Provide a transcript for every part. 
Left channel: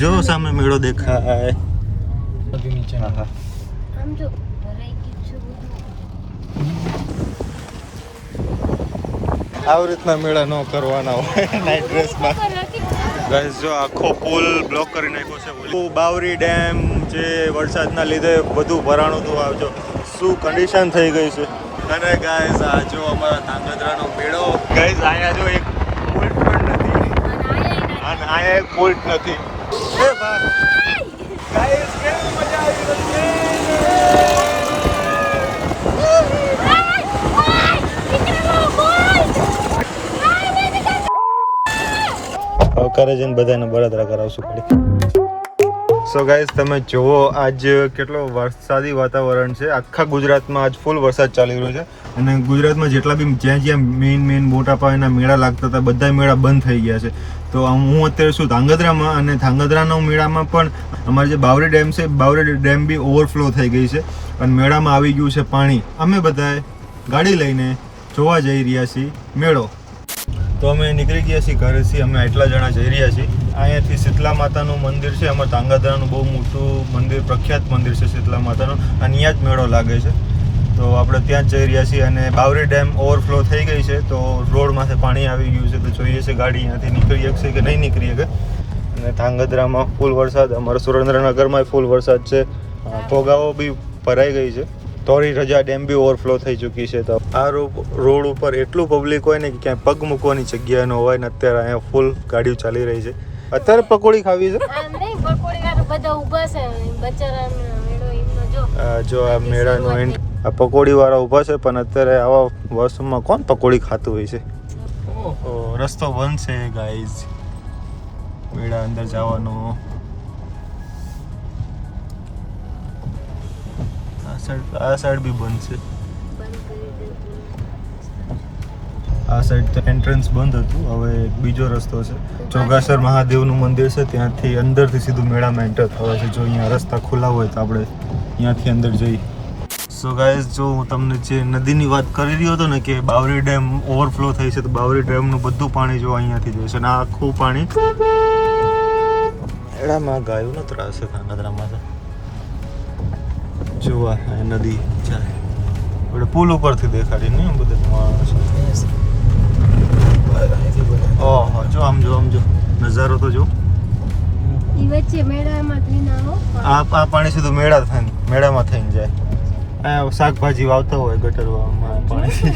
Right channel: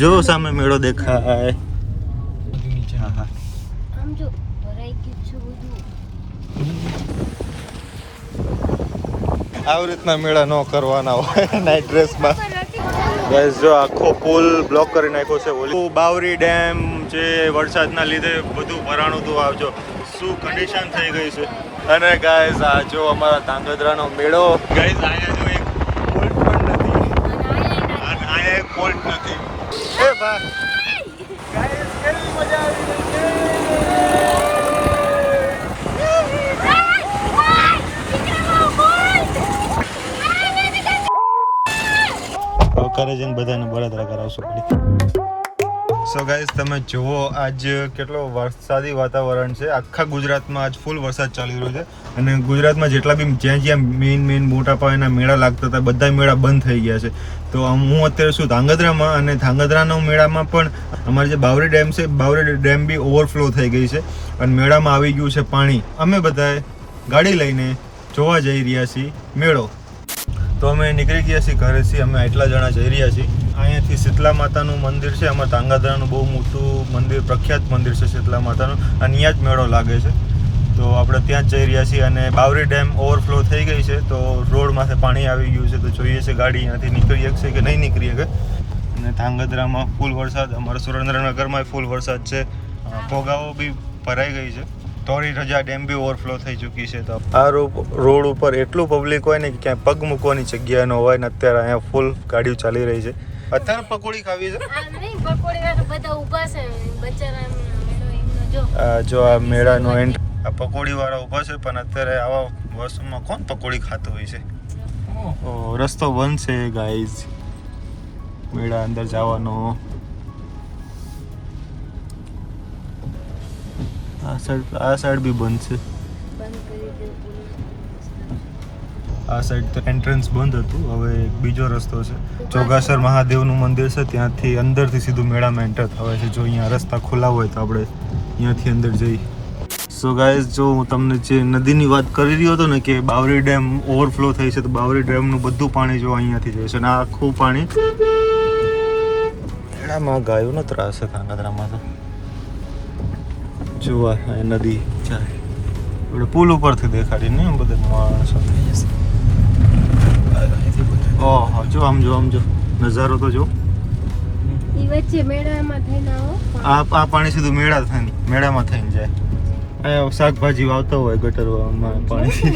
જો સામે મેળો દેખાય. હા હા આમ જો ભરાઈ ગયું આવી રીતના મેળા ન કરવાના હોય નાઇટ ડ્રેસમાં. ગાઈસ જો આખો પુલ બ્લોક કરી નાખ્યો છે. ઓલી બાવરી ડેમ જે વરસાદના લીધે બધું ભરાણું હતું. આવજો શું કન્ડિશન થઈ ગઈ છે. અને ગાઈસ આ જો અમારા ધાંગધ્રાનો મેળો. ગાઈસ આયા જો એક પુલ પણ નથી અને આયા એક પુલ નથી. એ ભાઈ ગાઈસ કેવી મજા આવી રહી છે. કરે છે ને બધાને બળતરા કરાવશું પડે. સો ગાઈસ તમે જુઓ આજ કેટલો વરસાદી વાતાવરણ છે. આખા ગુજરાતમાં આજ ફૂલ વરસાદ ચાલી રહ્યો છે અને ગુજરાતમાં જેટલા બી જ્યાં મેઇન મોટા પાયાના મેળા લાગતા હતા બધા મેળા બંધ થઈ ગયા છે. તો હું અત્યારે શું ધાંગધ્રામાં અને ધાંગધ્રાના મેળામાં પણ અમારે જે બાવરી ડેમ છે બાવરી ડેમ બી ઓવરફ્લો થઈ ગઈ છે અને મેળામાં આવી ગયું છે પાણી. અમે બધાએ ગાડી લઈને જોવા જઈ રહ્યા છીએ મેળો. તો અમે નીકળી ગયા છીએ ઘરેથી. અમે આટલા જણા જઈ રહ્યા છીએ. અહીંયાથી શીતલા માતાનું મંદિર છે. અમારા ધાંગધ્રાનું બહુ મોટું મંદિર, પ્રખ્યાત મંદિર છે શીતલા માતાનું અને અહીંયા જ મેળો લાગે છે. તો આપણે ત્યાં જ જઈ રહ્યા છીએ અને બાવરી ડેમ ઓવરફ્લો થઈ ગઈ છે તો રોડમાંથી પાણી આવી ગયું છે. તો જોઈએ છે ગાડી અહીંયાથી નીકળી શકશે કે નહીં નીકળી શકે. અને ધાંગધ્રામાં ફૂલ વરસાદ, અમારા સુરેન્દ્રનગરમાં ફૂલ વરસાદ છે. ભોગાવો બી ભરાઈ ગઈ છે. ધોરી રજા ડેમ બી ઓવરફ્લો થઈ ચૂકી છે. તો આ રોડ ઉપર એટલું પબ્લિક હોય ને કે ક્યાંય પગ મૂકવાની જગ્યા ન હોય ને અત્યારે અહીંયા ફૂલ ગાડીઓ ચાલી રહી છે. અત્યારે પકોડી ખાવી છે. જો આ મેળાનો એન્ડ આ પકોડી વાળા ઊભા છે પણ અત્યારે આવા વર્ષમાં કોણ પકોડી ખાતું હોય છે. રસ્તો બંધ છે ગાઈઝ મેળા અંદર જવાનો. આ સાઈડ બી બંધ છે. આ સાઈડ તો એન્ટ્રન્સ બંધ હતું. હવે બીજો રસ્તો છે. ચોગાસર મહાદેવનું મંદિર છે ત્યાંથી અંદરથી સીધું મેળામાં એન્ટર થવાય છે. જો અહીંયા રસ્તા ખુલ્લા હોય તો આપણે અહીંયાથી અંદર જઈ. સો ગાઈઝ જો હું તમને જે નદીની વાત કરી રહ્યો હતો ને કે બાવરી ડેમ ઓવરફ્લો થઈ છે તો બાવરી ડેમનું બધું પાણી જો અહીંયાથી જાય છે અને આ આખું પાણી મેળામાં ગાયોનો ત્રાસ છે ધાંગધ્રામાં. તો જોવા નદી આપણે પુલ ઉપરથી દેખાડી ને બધા માણસો. ઓહો જો આમ જો નજારો તો જો. આ પાણી સીધું મેળામાં થઈને જાય. આ શાકભાજી વાવતા હોય ગટરમાં પાણી.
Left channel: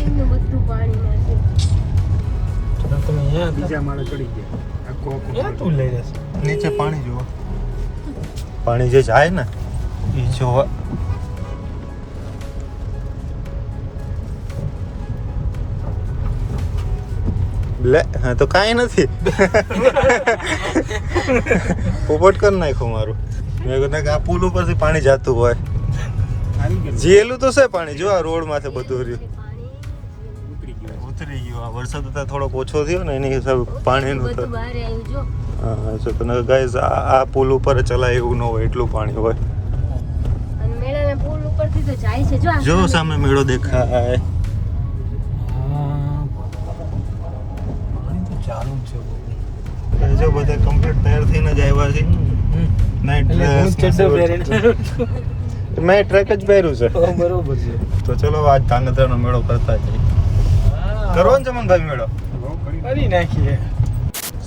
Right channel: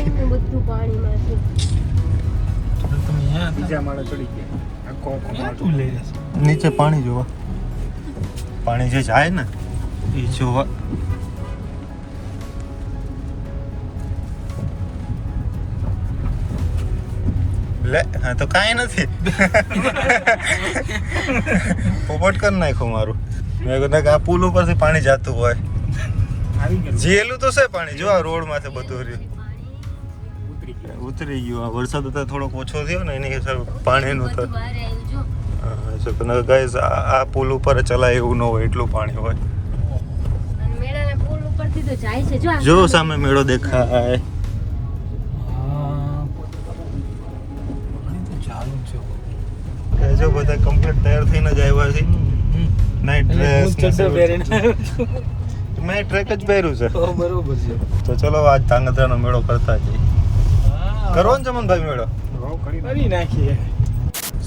નીચે પાણી જોવા પાણી જે જાય ને જોવા. લે હા તો કાંઈ નથી. પોપટ કરી નાખ્યું મારું. મેં કહ્યું કે આ પુલ ઉપરથી પાણી જતું હોય. જેલું તો છે પાણી. જો આ રોડ માંથી બધું રહ્યું ઉતરી ગયું. આ વરસાદ અત્યારે થોડોક ઓછો થયો ને એની હિસાબે પાણીનું તો હા ગાઈઝ આ પુલ ઉપર ચલાય એવું ન હોય એટલું પાણી હોય. જો સામે મેળો દેખાય. જો બધા કમ્પ્લીટ તૈયાર થઈને જ આવ્યા છે. નાઈટ ડ્રેસ મેં ટ્રેક જ પહેર્યું છે. બરોબર છે. તો ચલો આજ ધાંગધ્રાનો મેળો કરતા જઈએ. કરો ને ચમનભાઈ મેળો કરી નાખીએ.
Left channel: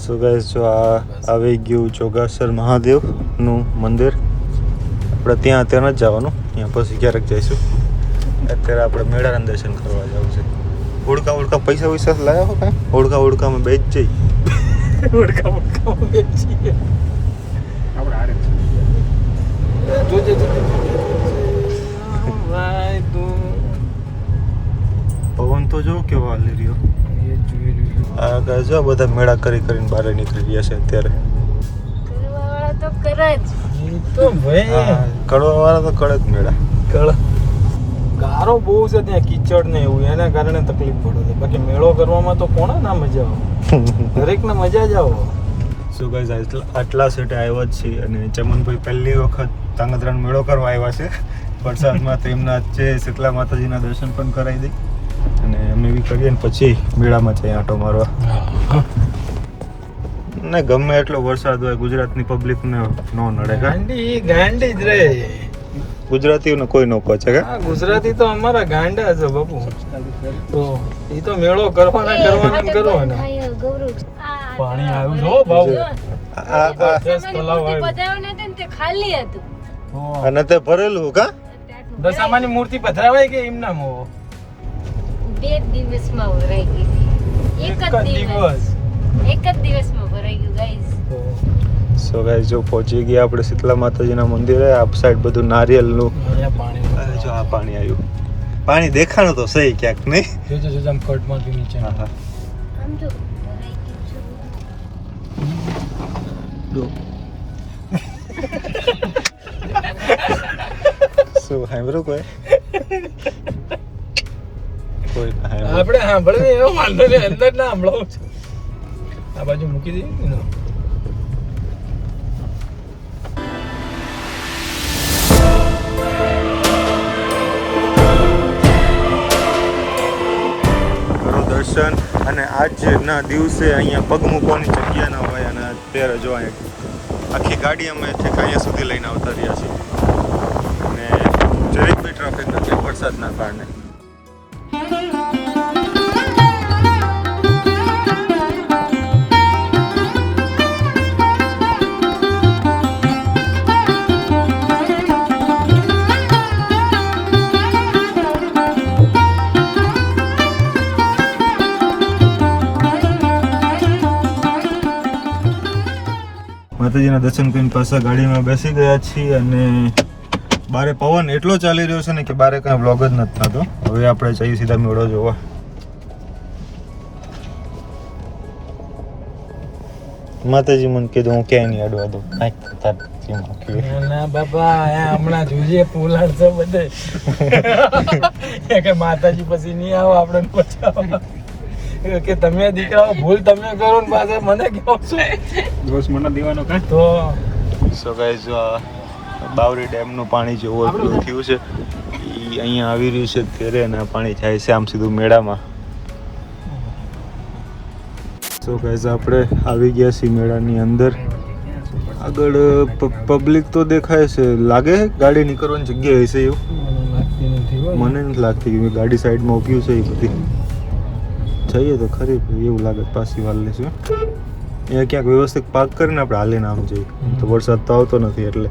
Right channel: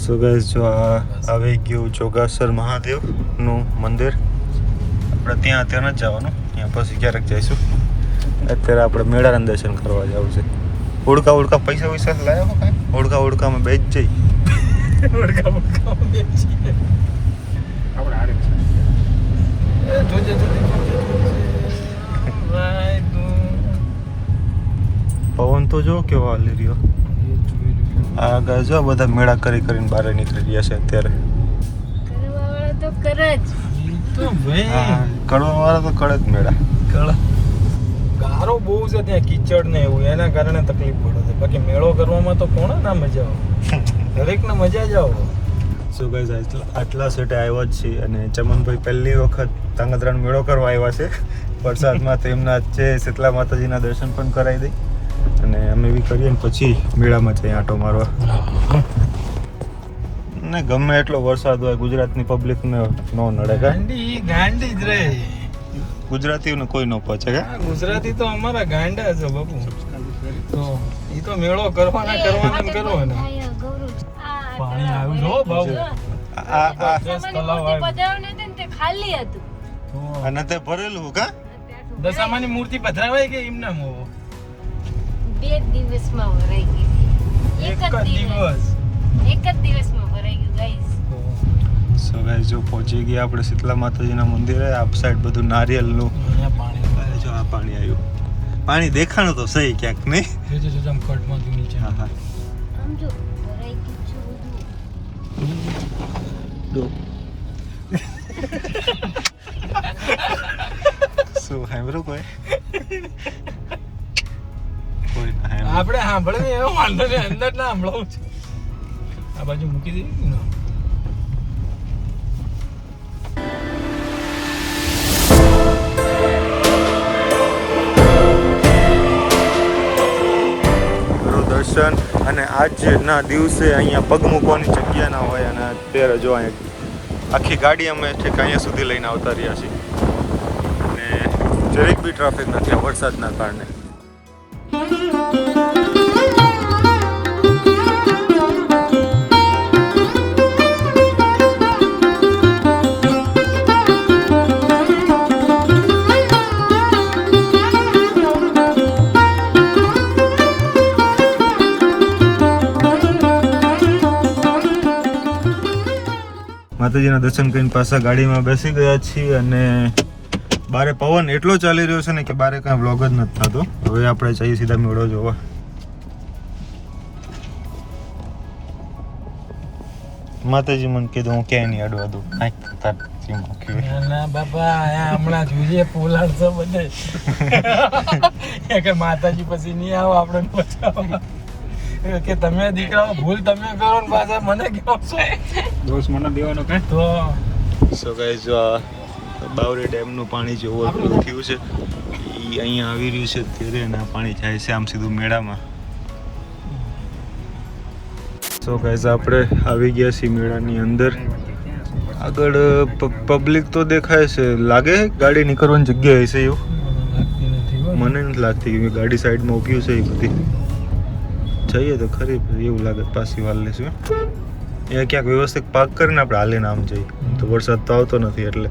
સો ગાઈસ જો આ આવી ગયું ચોગાસર મહાદેવનું મંદિર. આપણે ત્યાં જ જવાનું. ત્યાં પછી ક્યારેક જઈશું. અત્યારે આપણે મેળાના દર્શન કરવા જવું છે. ઓળખા પૈસા લાવ્યા હો કાંઈ? ઓળખામાં બે જ જઈ. પવન તો જો કેવો હાલી રહ્યો. આ જો બધા મેળા કરીને બહાર નીકળી ગયા છે અત્યારે. કરવા વાળા તો કરે જ મેળા. ગારો બહુ છે ત્યાં, કીચડ ને એવું, એના કારણે તકલીફ પડે છે. બાકી મેળો કરવામાં તો કોના ના મજા આવે, દરેકને મજા જ આવે. સો ગાઈઝ આટલા સેટે આવ્યા જ છે અને ચમનભાઈ પહેલી વખત ધાંગધ્રાનો મેળો કરવા આવ્યા છે. વરસાદમાં તો એમના છે શીતલા માતાજીના દર્શન પણ કરાવી દઈ અને અમે બી કરીએ ને પછી મેળામાં જઈએ આંટો મારવા. અને ગમે એટલો વરસાદ હોય ગુજરાતની પબ્લિકને નો નડે કા ગાંડી જ રે ગુજરાતીઓને કોઈ ન પહોંચે કા ગુજરાતી તો અમારા ગાંડા છે બાપુ તો એ તો મેળો કરવાના અહીંયા ગૌરવ પાણી આવ્યું જો બાપુ આ તલાવ આવ્યું. પધરાવને હતું ને તે ખાલી હતું અને તે ભરેલું કા દશામાની મૂર્તિ પધરાવાય કે એમ નામ હોવો 2 દિવસમાં ભરાઈ ગઈ એક જ દિવસ દિવસમાં ભરાઈ ગયું ગાઈસ સો ગાઈસ જો પહોંચી ગયા આપણે શીતલા માતાજીના મંદિરે આ સાઈડ બધું નારિયેલનું જો આ પાણી આવ્યું પાણી દેખાણું તો સહી ક્યાંક નહીં હા હા આમ જો ભરાઈ ગયું શું સાંભળ્યું કોઈ આપણે સાંભળે એવો વાંધો નહીં અંદર ના સાંભળાવું છે આ બાજુ મૂકી દઈએ ને કરો દર્શન અને આજના દિવસે અહીંયા પગ મૂકવાની જગ્યા ના હોય અને અત્યારે જો અહીંયા આખી ગાડી અમે ઠીક અહીંયા સુધી લઈને આવતા રહ્યા છીએ અને જરીક બી ટ્રાફિક નથી વરસાદના કારણે માતાજીના દર્શન કરીને પાછા ગાડીમાં બેસી ગયા છીએ અને બારે પવન એટલો ચાલી રહ્યો છે ને કે બારે કાંઈ વ્લોગ જ નથી થતો હવે આપણે જઈએ સીધા મેળો જોવા માતાજી મને કીધું હું ક્યાંય નહીં અડવા દઉં કાંઈક થતા ના બાપા હમણાં જોઈએ પુલાડ છે બધે કે માતાજી પછી નહીં આવો આપણે બચાવવા કે તમે દીકરાઓ ભૂલ તમે કરો ને પાછા મને કહો છો દોષ મને દેવાનો કઈ તો સો ગાઈસ જો આ બાવરી ડેમનું પાણી જે ઓવરફ્લો થયું છે એ અહીંયા આવી રહ્યું છે ત્યારે અને આ પાણી જાય છે આમ સીધું મેળામાં સો ગાઈસ આપણે આવી ગયા છીએ મેળાની અંદર આગળ પબ્લિક તો દેખાય છે લાગે ગાડી નીકળવાની જગ્યા હશે એવું મને નથી લાગતી કે ગાડી સાઈડમાં ઊભી છે એ બધી જઈએ તો ખરી એવું લાગે પાછી વાર લેશું અહીંયા ક્યાંક વ્યવસ્થિત પાર્ક કરીને આપણે હાલીને આમ જઈએ તો વરસાદ તો આવતો નથી એટલે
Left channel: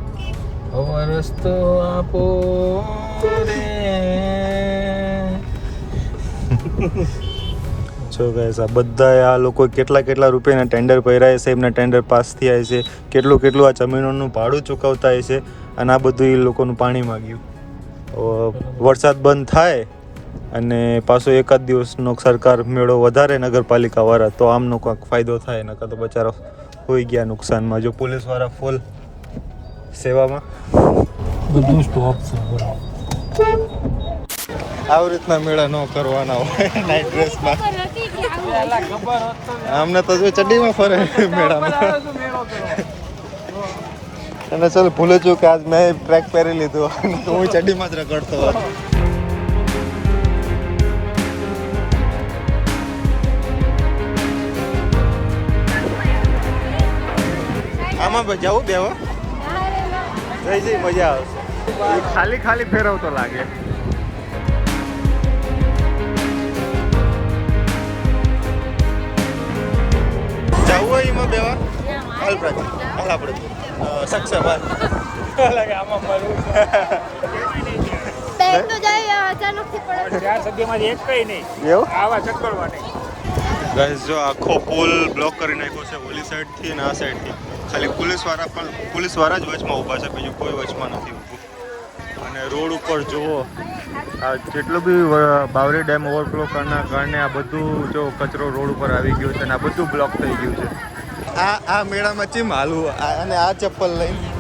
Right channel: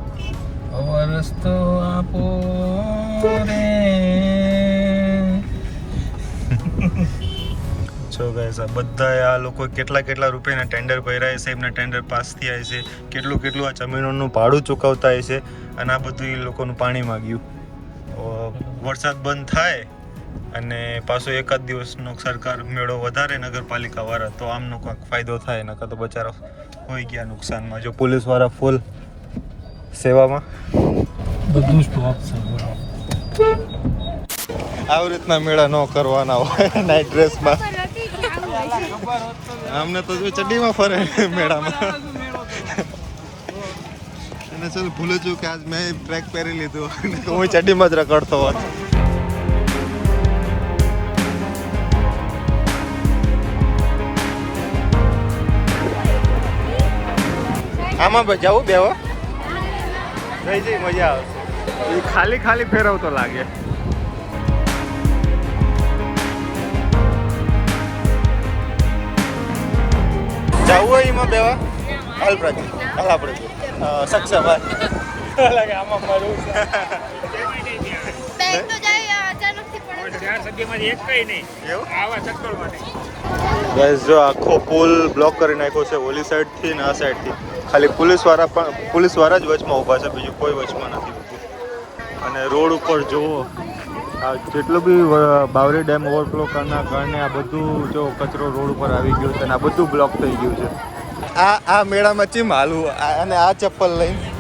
રસ્તો આપો રે છો ગાઈસ આ બધા આ લોકો કેટલા રૂપિયાના ટેન્ડર ભર્યા છે એમના ટેન્ડર પાસ થયા છે કેટલું આ જમીનોનું ભાડું ચૂકવતા છે અને આ બધું એ લોકોનું પાણી માગ્યું વરસાદ બંધ થાય અને પાછો એકાદ દિવસનો સરકાર મેળો વધારે નગરપાલિકાવાળા તો આમનો કાંઈક ફાયદો થાય નકર તો બચારા હોઈ ગયા નુકસાનમાં જો પોલીસવાળા ફૂલ સેવામાં બધું સ્ટોપ છે આવી રીતના મેળા ન કરવાના હોય નાઇટ ડ્રેસમાં આમને તો જો ચડ્ડીમાં ફરે મેળામાં અને ચાલ ભૂલે છું કે આજ મેં ટ્રેક પહેરી લીધું અને તો હું ચડ્ડીમાં જ રખડતો હોત આમાં જવું બેવા જઈ મજા આવશે એ ખાલી ફેરવતો લાગે જવું હોય એમાં બેવા હાલ પ્રાચી હાલ આપણે સક્ષમ ગાઈસ જો આખો પુલ બ્લોક કરી નાખ્યો છે ઓલી સાઈડથી ને આ સાઈડથી ખાલી પોલીસવાળા જ વચમાં ઊભા છે બીજું કોઈ વચમાં નથી ઊભું અને રોડ ઉપર જુઓ આ જેટલું બી બાવરી ડેમ ઓવરફ્લો કરવાના કારણે આ બધું જો કચરો રોડ ઉપર આવી ગયો છે અને આ બધું બ્લોક થઈ ગયું છે આ મેળામાં ચીમ હાલવું અને આ ચપ્પલ લઈને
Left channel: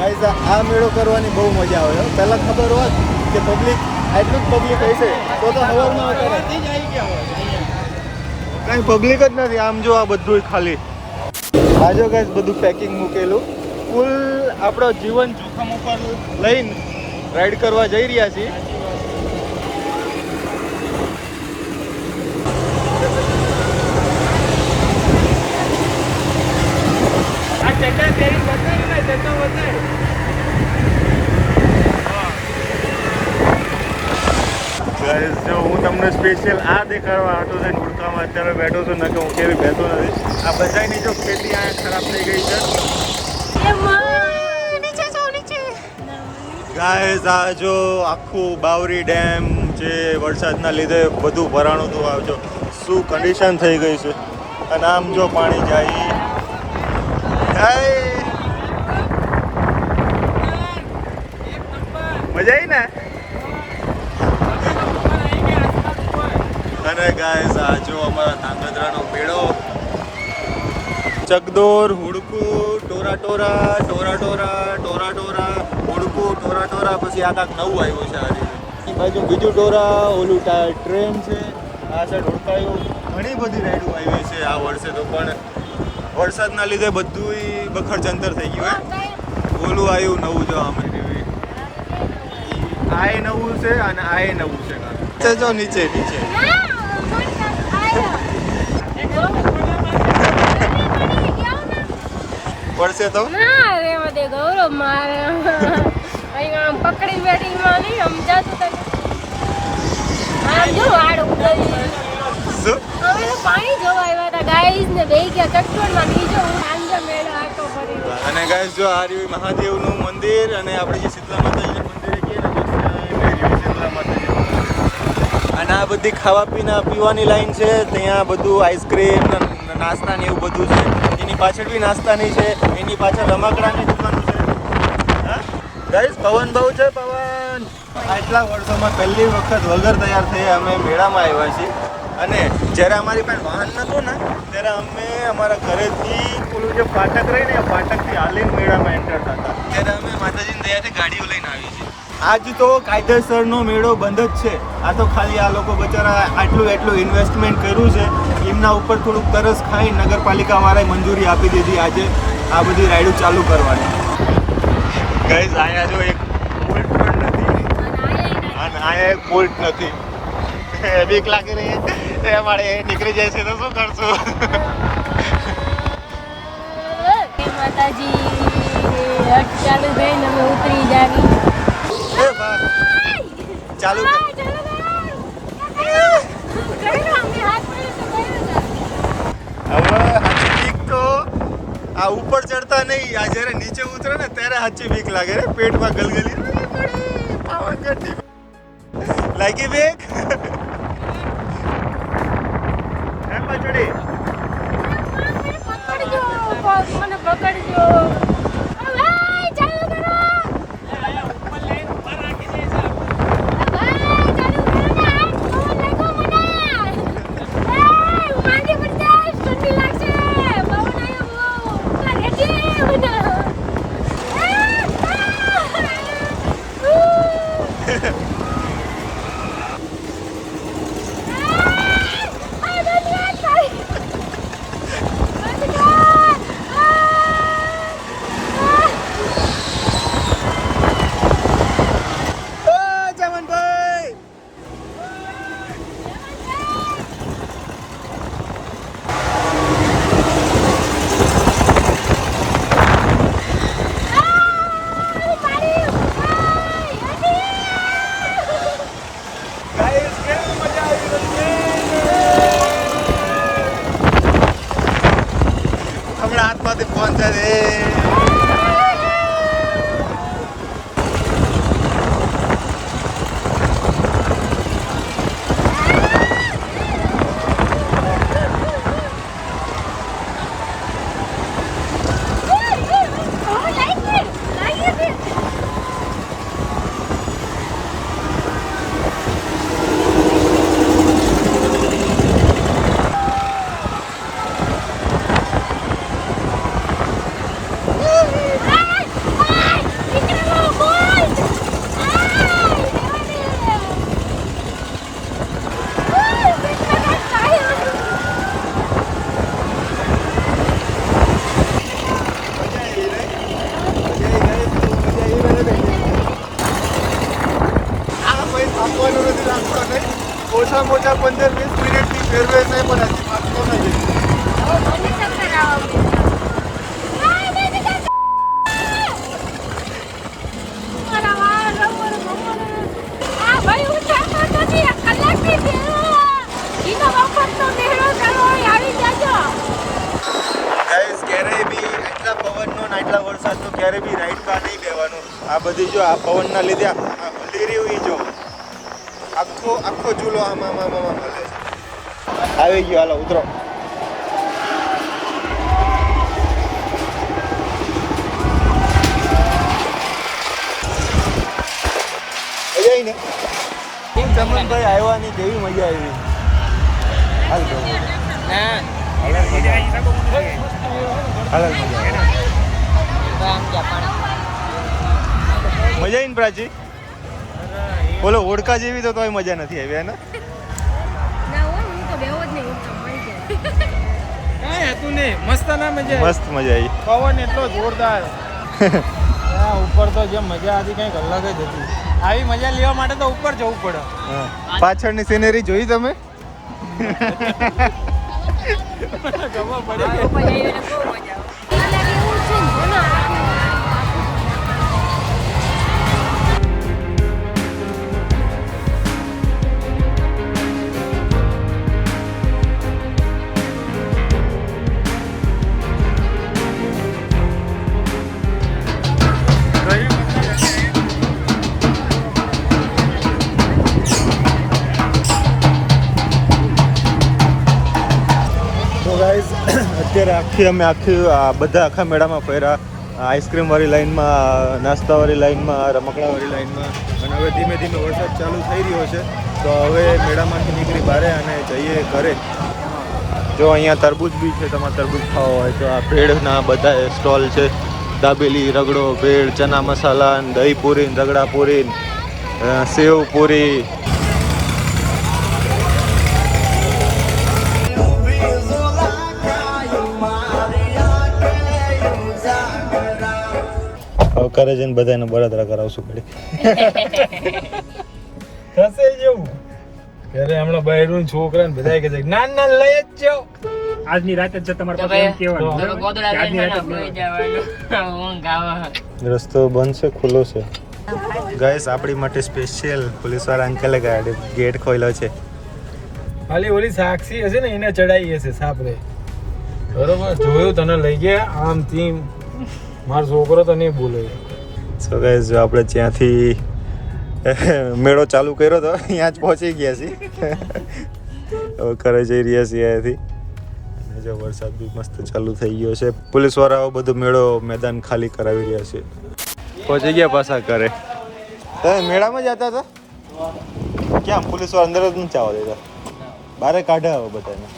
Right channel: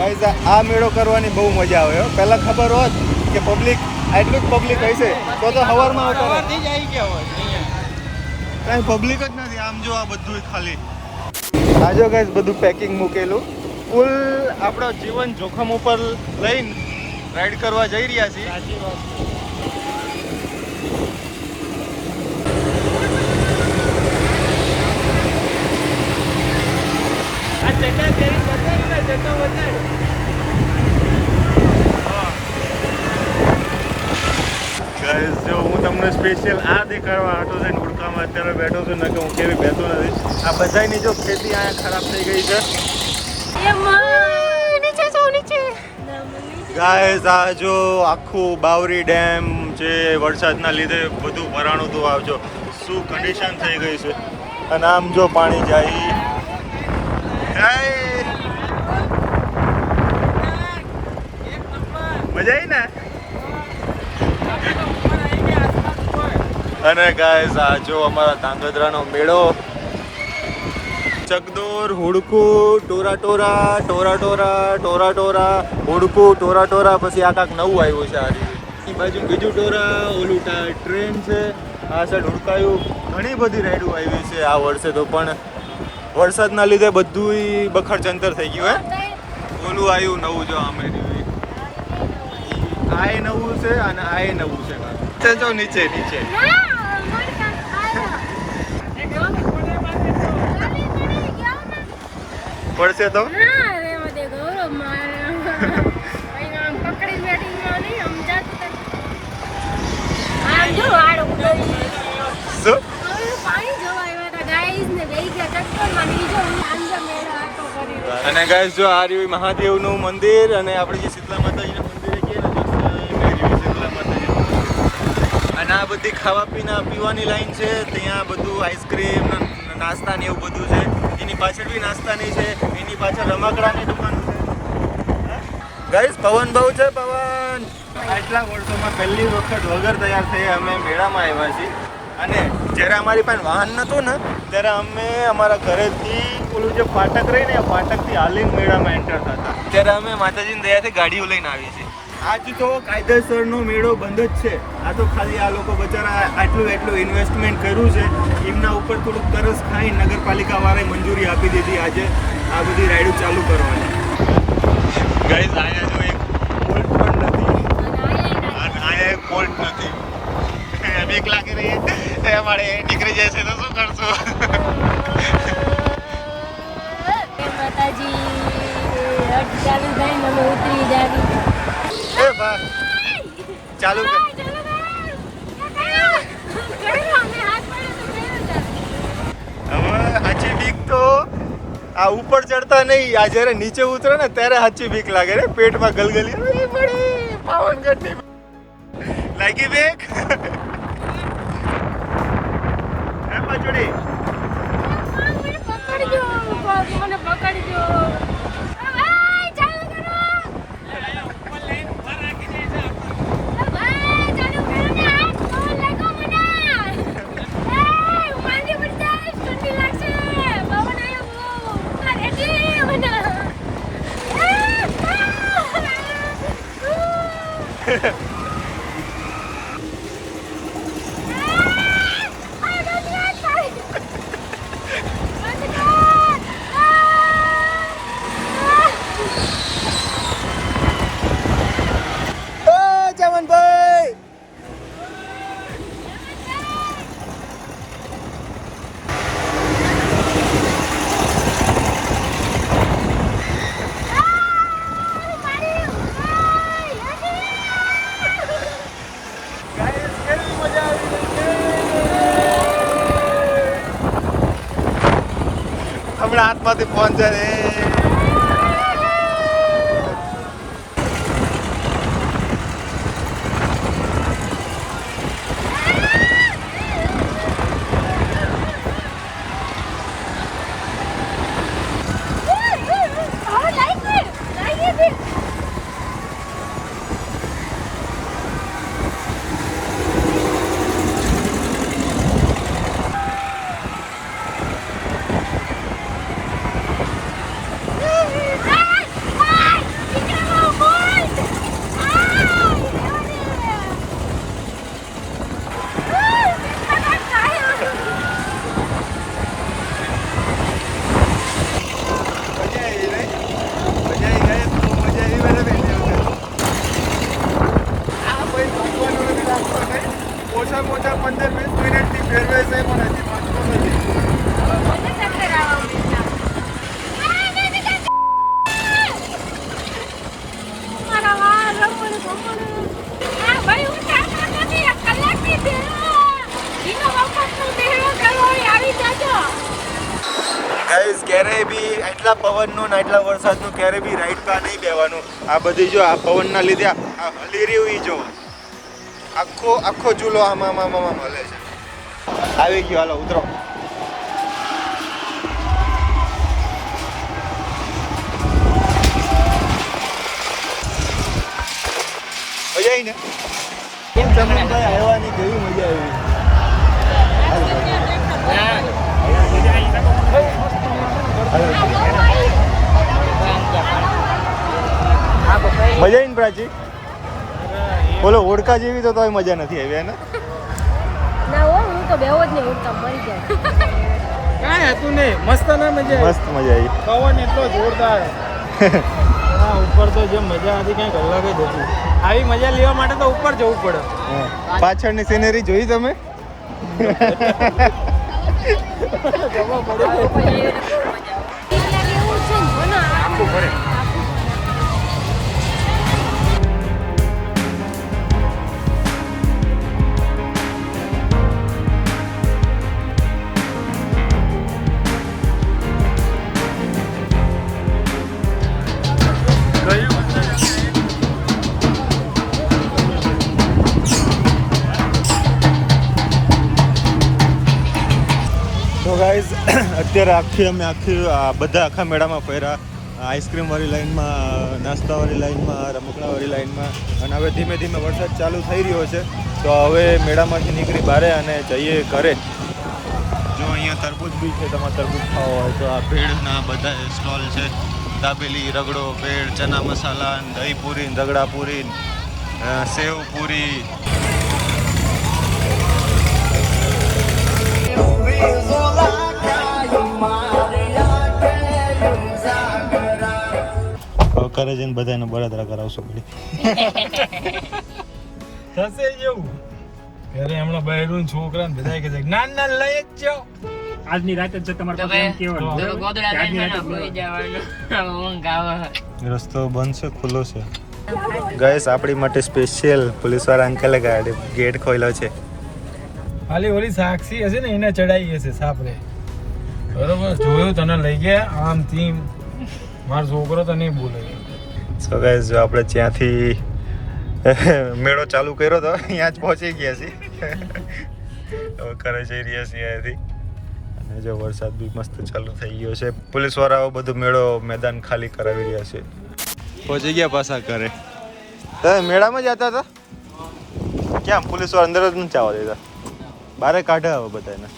ગાઈઝ આ મેળો કરવાની બહુ મજા આવે પહેલાં ખબર હોત કે પબ્લિક આટલું જ પબ્લિક હશે તો સવારમાં આવતા કાંઈ પબ્લિક જ નથી આમ જો આ બધું ખાલી આજો ગાઈઝ બધું પેકિંગ મૂકેલું ફૂલ આપણો જીવન જોખમ ઉપર લઈને રાઈડ કરવા જઈ રહ્યા છીએ. આ ચક્કા તેરી બતાવી ને જતો બતાવી. ગાઈસ જો હું તમને સ્પેશિયલ આ દેખાડવા આટો થઈને ઉડકામાં અત્યારે બેઠો છું, ન કે હું કેવી બેઠો નથી. આ બધાની જો ખેતી અહીંયા ખરાબ થઈ ગઈ છે. ગાઈસ આ જો આખું બાવરી ડેમ જે વરસાદના લીધે બધું ભરાણું હતું, આવજો શું કન્ડિશન થઈ ગઈ છે. અને આમ જો પાણી જાય. મજા આવી ને. અને ગાઈસ આ જો અમારા ધાંગધ્રાનો મેળો. ચકદોર, હુડકું, ટોરા ટોરા, ટોરા ટોરા, ટોરા ટોરા, હુડકું, ટોરા ટોરા, પછી આ કાંક નવું આવ્યું છે આ રીતે. એ બાજુ બીજું ટોરા, ઓલું ટ્રેન છે, આ છે ઢોકાયું. ઘણી બધી રાઈડો આવી છે આ વર્ષે તો, પણ વરસાદના લીધે બધું બખડ જંતર થઈ ગયું હે. ઓલું આવ્યું નવું જો અમે આ નવું છે અને આ નવું છે. જો નીચે નીચે પડશે તો ના રે મને ગૌરવ મારે અહીંયા પકડી બેઠી માં નહીં સમજાતું તને. આમ જો વાડ ઉડવી. શું હવે તો પાણી જોવા આવ્યા હતા ગાઈસ ને બેહી ગયા ચક્કરમાં નીચે. હું સાંજે મેળો આટો કરી. અને ગાઈસ જો આ રહ્યું મહાદેવનું મંદિર અને આપણે જે શીતલા માતાજીના મંદિરે કહીએ ને શીતલા માતાજી. અને આ બધી ખાવા પીવાની લાઈન છે. ત્યાં બધું આઈસ્ક્રીમ નાસ્તા ને એવું બધું છે. એની પાછળ બી નાસ્તાની છે, એની પાછળ રમકડાની દુકાનો છે. ગાઈસ પવન બહુ છે, પવન. આટલા વર્ષોમાં પહેલી વખત વગર તૈયાર થઈ અમે મેળામાં આવ્યા છીએ. અને જ્યારે અમારી પાસે વાહન નહોતું ને ત્યારે અમે અમારા ઘરેથી ઓલું જે ફાટક રહી ને ફાટકથી હાલીને મેળામાં એન્ટર થતા. ત્યારે અમે માતાજીની દયાથી ગાડીઓ લઈને આવી છીએ. આજ તો કાયદેસરનો મેળો બંધ જ છે. આ તો ખાલી આ લોકો બચારા એટલું ઇન્વેસ્ટમેન્ટ કર્યું છે, એમના ઉપર થોડુંક તરસ ખાઈ નગરપાલિકા વાળાએ મંજૂરી આપી દીધી આજે આ બધી રાઈડો ચાલુ કરવાની. ગાઈઝ આયા જો એક પુલ પણ નથી અને આયા એક પુલ નથી. બીક લાગી રહી એ અમારે નીકળી જાય છે તો શું કરશું. માતાજી હટ ચાલુ થઈને અમે ઉતરી જાવી. એ બા ચાલુ કર. હવે હાચી બીક તો આ ઉપર ચડતા નહીં, આ જ્યારે નીચે ઉતરે ને ત્યારે હાચી બીક લાગે રે. પેટમાં ગલગલી પડે. પાવનગઢની લાગી બીક. એમ પચડી પકડજો મને પકડજો. હમણાં હાથમાંથી ફોન છે રે. રાખવાનો નથી રાખવા નહીં. ઓછામાં ઓછા 15-20 મિનિટની ફેરવે છે પણ હજી પાકતો નથી. મને ચક્કર આવવા મારા વાળ રબર આ ભાઈ ઉઠાતો નથી આ કલાકની છે ઈનો વખતનો મેળો કરો આવી જાજો ગાઈસ ક્યારેય બી એટલા પવનનું ને એટલા વરસાદનું ક્યારેય બી રાઈડ કાર નહીં લેવાનું. આ બધી જો આ પવનના લીધે આ હલી રહ્યું ઈ જો આખો ઝૂલો આમાં હલે છે. આવી ગયો, હાલો ઉતરો. મજા આવી ને? ચમનભાઈ આવ્યા ની કેવી મજા આવી? મજા આવી ને પ્રાચી? બોલો ઓળખા જેવી તો તોય મજા નથી આવી ને? ના હો હું તો બેહો જ નહીં ઉઠતા મરી જાય કાંઈ હતું નહીં, મસ્ત ના મજા મસ્ત મજા આવી. પવન એટલો જોરદાર હા, ઉપર તો જે મજા હતી કંઈક અલગ જ હતી. આવી મજા લેવા માટે તો ઉપર જવું પડે. પાછળની સિનેરી જોઈ તમે? ખબર પડે કે બહુ મજા આવે એવું છે ને મને આખું અત્યારે અમે બધા આખા મેળામાં ફર્યા. આઈસ્ક્રીમવાળી લાઈનમાં, નાસ્તાવાળી લાઈનમાં, રમકડાવાળી લાઈનમાં, અને હવે ધીમે ધીમે વરસાદ ચાલુ થઈ રહ્યો છે તો હવે મેળામાંથી નીકળી બહાર અને જઈએ ઘરે. જો અહીંયા તરબૂચ બી છે, તમારે તરબૂચ ખાવા હોય તો આ ભેળના બધા સ્ટોલ છે. દાબેલી, રગડો, ભેળ, ચના મસાલા, દહીં પૂરી, રગડા પૂરી, સેવ પૂરી. કરે છે ને બધાને બળતરા કરાવશું પડી. થશે જેવું ઘરે હમણાં બહેરું છોકરાને બધા કે છે ના ના લઈ જ જાઓ. આજની રાતે જ તમારે પાસે એમ કહેવાનું આજની રાતે રસ્તો બંધ છે, ખુલ્લો છે. ગાઈસ આપણી માટે સ્પેશિયલ પોલીસવાળા અંકલે ગેટ ખોલ્યો છે. ખાલી ઓલી સાક્ષી હશે ને એને ચડાઈ હશે સાપરે. બરોબર જોયું તને લઈ ગયા આમથી મારો છોકરો તો નહીં બોલે. સો ગાઈસ જો આપણે ત્યાંથી મેળો ચાલુ કર્યો તો અહીંયા જ પહોંચી ગયા છીએ. હવે ઘરે જઈ રહ્યા છીએ અહીંયાથી. અને જો વરસાદ બી મસ્ત ચાલુ થઈ ગયો છે. પોલીસવાળાઓ બધું મેળો મેદાન ખાલી કરાવી રહ્યા છે. પહોંચી ગયા પાછા ઘરે. મેળામાં જતા હતા ક્યાં? પોલીસવાળા અંદર જ નથી આવવા દેતા, બારે કાઢે હવે બધાને.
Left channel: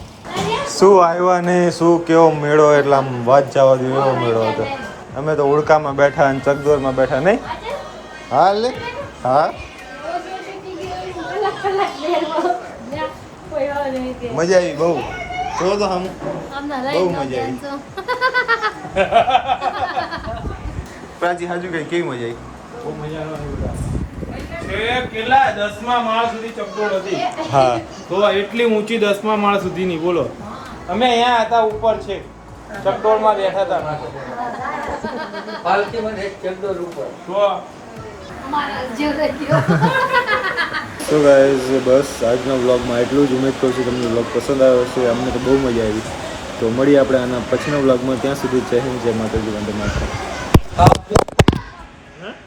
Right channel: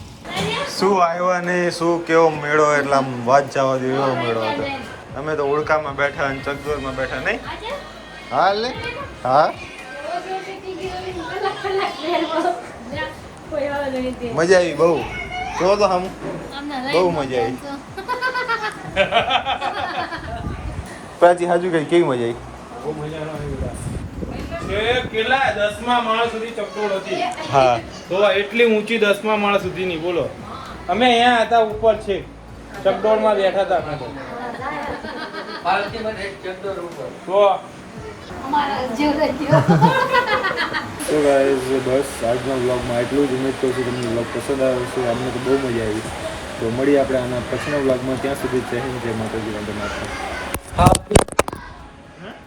શું આવ્યા નહીં, શું કેવો મેળો, એટલે આમ વાત જવા દો એવો મેળો હતો. અમે તો ઉડકામાં બેઠા અને ચકદોરમાં બેઠા નહીં. હા લે હા મજા આવી બહુ. જો તો હમ બહુ મજા આવી. પ્રાચી હાજુ કઈ કેવી મજા આવી? કેટલા 10મા માળ સુધી ચકડોળ હતી. હા તો એટલી ઊંચી 10મા માળ સુધીની બોલો. અમે અહીંયા હતા ઉપર છે ચકડોળમાં બેઠા હતા અમે તો ગાઈઝ બસ આજના વ્લોગમાં એટલું જ. ઉમેદ કરું છું તમને વ્લોગ પસંદ આવ્યો હશે. અમને તો બહુ મજા આવી. તો મળીએ આપણે આના પછીના વ્લોગમાં. ત્યાં સુધી જય હિન્દ, જય માતાજી, વંદે માતરમ.